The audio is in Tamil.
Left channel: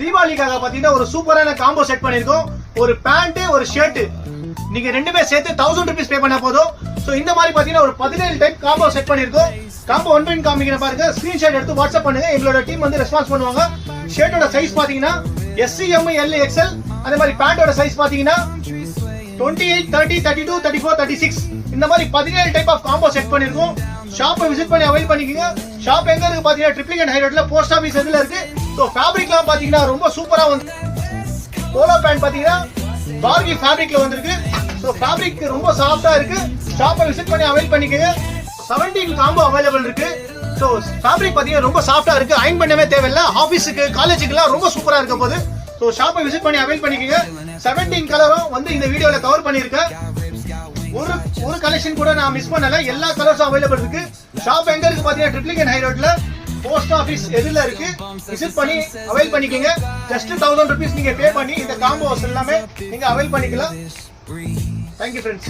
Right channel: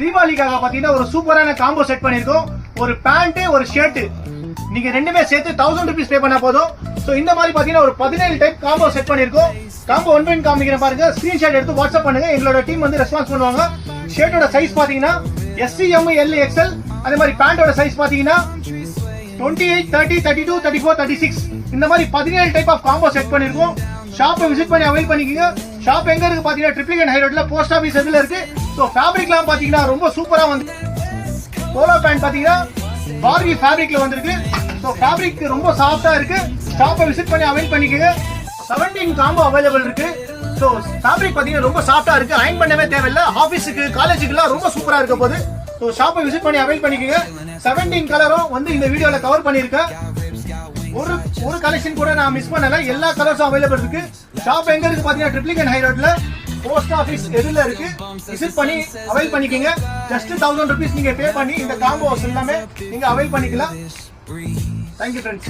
தீபாவளிக்காக பாத்தீங்கன்னா ஒரு சூப்பரான காம்போ செட் பண்ணிருக்கோம். ஒரு பேண்ட் ஒரு ஷர்ட் நீங்க ரெண்டுமே சேர்த்து 1000 rupees பே பண்ணா போதும். சோ இந்த மாதிரி பாத்தீங்கன்னா ஒரு 17 டைப் காம்போ செட் பண்ணிருக்கோம். காம்போ 1 பின் காமிக்கிறேன் பாருங்க. ஸ்கிரீன்ஷாட் எடுத்து வாட்ஸ்அப் பண்ணுங்க. எங்களோட டீம் வந்து ரெஸ்பான்ஸ் பண்ணுவாங்க. ஷர்ட்டோட சைஸ் பாத்தீங்கன்னா SC M L XL. அதே மாதிரி பேண்டோட சைஸ் பாத்தீங்கன்னா 28 30 32 34 36 இந்த மாதிரி 17 டைப் ஆஃப் காம்போ செட் பண்ணிருக்கோம். ஷாப்பை விசிட் பண்ணி அவைல் பண்ணிக்கங்க. ஷாப் எங்க இருக்கு பாத்தீங்கன்னா ட்ரிப்ளிகேட் ஹை ரோட்ல போஸ்ட் ஆபீஸ் எதுல இருக்கு. சோ ஃபேப்ரிக்லாம் பாத்தீங்கன்னா ரொம்ப சூப்பரா வந்து போலோ பேண்ட் பாத்தீங்கன்னா பார்பி ஃபேப்ரிக்ல வந்திருக்கு. சோ ஃபேப்ரிக் ரொம்ப சாஃப்ட்டா இருக்கு. ஷாப்பை விசிட் பண்ணி அவைல் பண்ணிக்கங்க. 17 காம்போ அவைலபிள் இருக்கு. சோ ஃபேப்ரிக் பாத்தீங்கன்னா ரொம்ப சாஃப்ட்டா இருக்கு. அயர்ன் பண்ணவே தேவையில்ல. ஆபீஸ்க்கு காலேஜுக்குலாம் ரொம்ப சூப்பரா இருக்க போகுது. சோ ஷாப்பை விசிட் பண்ணி அவைல் பண்ணிக்கங்க. 17 கலரும் வந்து இந்த வீடியோல கவர் பண்ணிருக்கேன். ஒரு கலெக்ஷன் கூட நான் மிஸ் பண்ணல. எல்லா கலர்ஸும் அவைலபிள் இருக்கு. ஷாப் எங்க இருக்கு பாத்தீங்கன்னா ட்ரிப்ளிகேட் ஹை ரோட்ல போஸ்ட் ஆபீஸ் எதுல இருக்கு. விசிட் பண்ணி அவைல் பண்ணிக்கங்க. ஜஸ்ட் 1000 rupees நீங்க பே பண்ணி இந்த காம்போஸ் எல்லாமே நீங்க அவைல் பண்ணிக்கலாம். Thank you friends.